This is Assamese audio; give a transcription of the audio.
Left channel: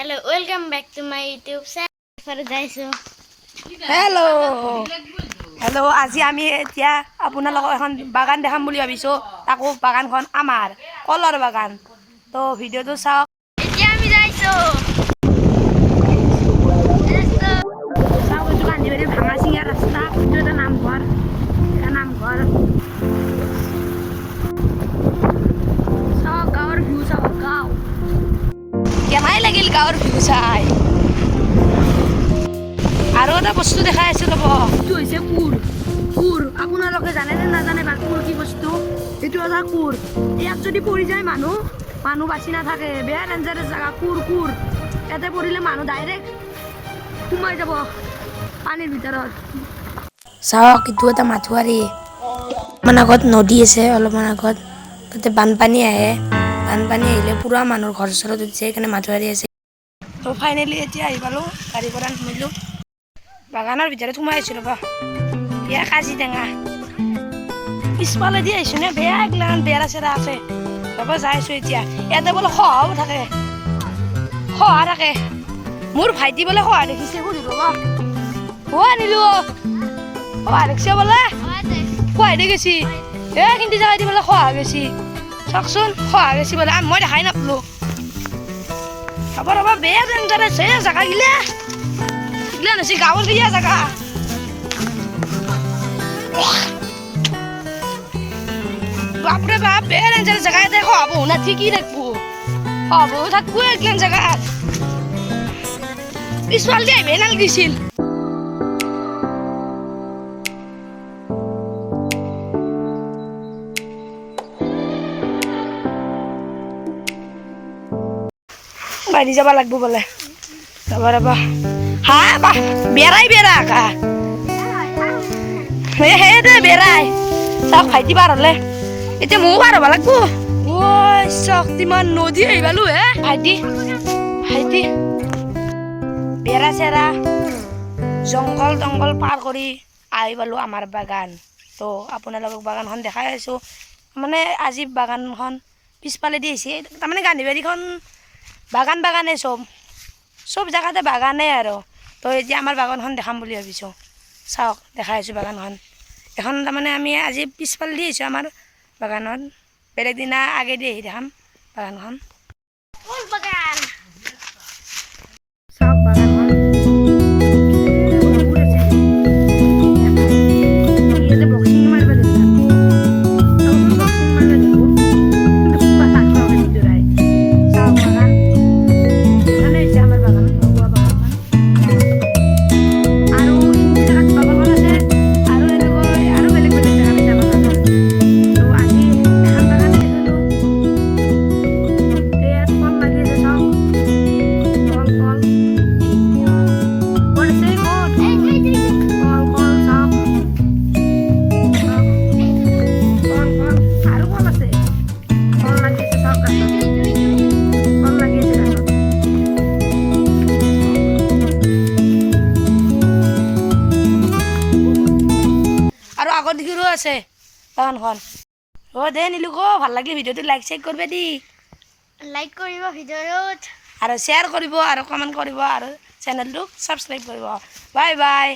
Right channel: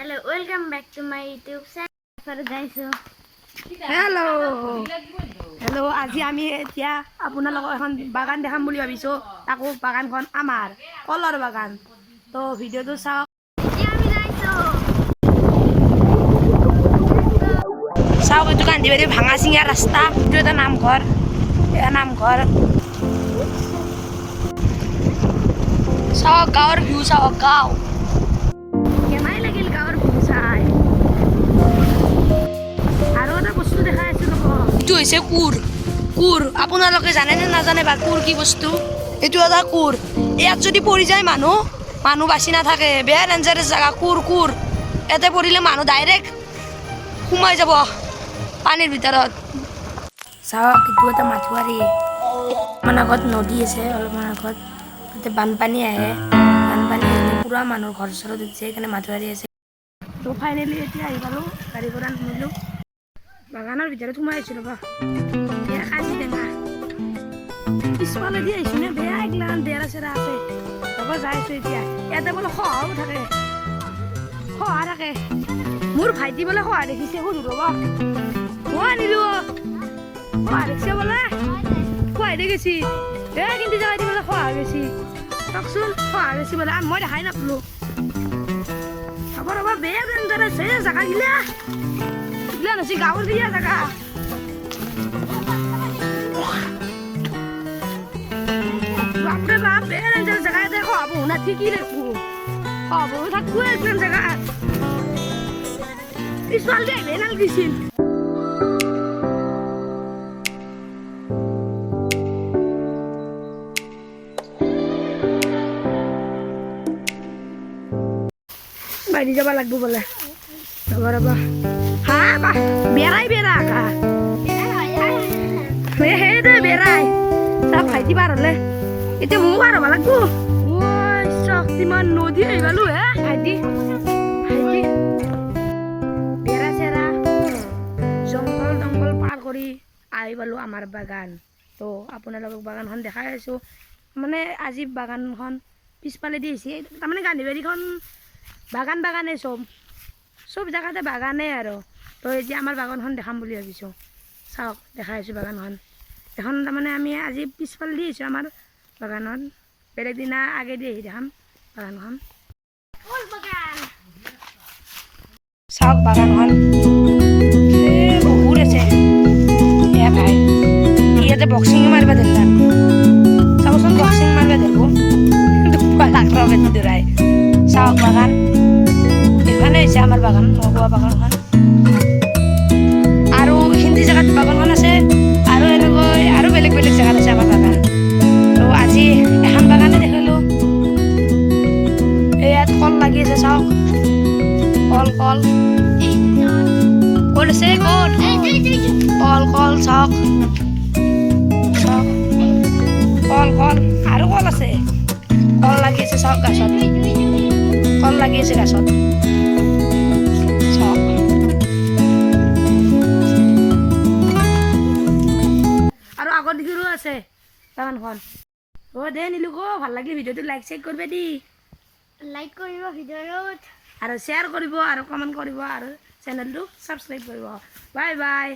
Hello, welcome back to my YouTube channel for guys. Hello, আজি আমি এতিয়া আপোনালোকক এখন বাগান দেখাম বুলি ভাবিছো। তাকো বাগানখন আমাৰ কলৰ বাগান। তো ভিডিওটো চাওক। এতিয়া আমি যাইছো। চাওক এইটো কান্দিবাৰী ভাঙা চিঙা ৰাস্তা। এইটো এটা নামঘৰ। এয়া নামঘৰ। চাওক গাঁৱৰ ভিউ চাওক গাঁও। কেনাই লাগিল গাঁৱৰ ভিউ চাই। আৰু এটা বস্তু দেখাই আছো ৰ'ব। এইটো হৈছে কুৰ। কুৰ আপোনালোকে জানে নে নাজানে বা কুৰ কি বস্তু? এইটো এটা কুৰ। ইয়াত যদি পৰি যায় মানুহ বাচি নাথাকে। বেয়া ডেঞ্জাৰাছ জেগা কুৰ। ইয়াতে পৰিলে মানুহ ডাইৰেক্ট সোমাই যাব পানীৰ ভিতৰত। চাওক এইটো এটা মাথোৱাৰী। অলপমান আগত নদী আছে, অলপমান আগত তাতে বানপানী আহে। বানপানী আহিলে পুৰা মানুহৰ ঘৰ চৰত উঠি যায়, সেইকাৰণে মাথোৱাৰী আছে। তো ফাইনেলি এতিয়া আহি পালোঁ, গাড়ীৰ পৰা নামিলোঁ। বাগানৰ ভিতৰত সোমাই আহিছোঁ ৰ'বা। এয়া কাজি টেঙা পিছফালে দি আহিছোঁ নে বেয়া এইগিলাখান বেৰা চেৰা আছে। ৰ'বা যাই আছোঁ এতিয়া। ইয়াতে বোলে শহাও থাকে, শহা থাকে। মোৰ ভাইটি বোলে শহা দেখিছে, সুধো ৰ'বা। আনিলো শহা দেখিছে বোলে, শহাই দি গেছি। কিন্তু জেগা দি বোলে শহা গেছি। চাওকচোন শহা গেছি বোলে, মই দেখাই নাপালোঁ। ৰ'বা বেয়া ডেঞ্জাৰাছ হে জেগা গিলা। এগিলা হৈছে গাঁৱৰ গিয়া জেগা। বাপৰে বাপ বেয়া ডেঞ্জাৰাছ জেগা। ইয়াতে শহা বহু না ঠিকই থাকবো, শহা বহু থাকবো এগিলান জেগাত। পিছফাল দি আহিবই নালাগিছিল। বাঢ়ি যাব লাগব বোলে। ৰ'বা হা বেৰাই বেৰা কা হে দে বেৰাই চাওক ভাইটি পাৰ হলে এতিয়া ময়ো পাৰ হ'ব লাগব। শক্তিমান নদী আহি পালো হে ভাইটি বেৰা চেৰা জংঘল পাৰ কৰি আহি পালো আমাৰ বাগান। তো আপোনালোকক বাগানখন দেখাই আছো। মানে আজি বাগানখন পিছফালে দি আহিছে। তাৰমানে গান্ধীবাৰীখন বাগানে চব জেগাতে বাগানে আৰু। তো এতিয়া আমাৰ বাগানখন দেখাম বুলি ভাবিছোঁ। চাওক দেখাই আছোঁ বাগানখন। এখন তাৰমানে আমি আজি পিছফালে দি আহিছোঁ আমাৰ বাগানত। বেলেগ দিনা আগেদি আহি দেখাম বাগানখন। চাওক বাগানখন বহুত আছে। ভাই ইয়াতে বক্সিং মাৰিব ধৰিলাম। চাবচোন বক্সিং মাৰিব ধৰিব দৌৰাই। চাওক বাগান এখানে হৈছে আমাৰ বাগান, মগুৱা বাগানখন। আৰু হিন্দী জেগাত বাগানখন আছে, আৰু এনেকৈ আৰু বেলেগ জেগাত আছে আমাৰ বাগান। তো আজি এখন বাগানে দেখিলোঁ। ইয়াত কল লাগি আছে চাওক। কল আছে ক'ত? কল চাওক কল আৰু কল আছে। কল লাগি আছে চাওক গাছত। কল লাগি আছে গাছত। আৰু আগত দেখিও আছে বাগানখন। দে নিলো ভাল লাগিলে ভিডিঅ'টো লাইক কৰিব দি। লাইক কৰিব ভিডিঅ'ত আৰু শ্বেয়াৰ কৰিব আৰু কমেণ্ট কৰিব আৰু চেনেলটো ছাবস্ক্ৰাইব কৰিব। Bye bye.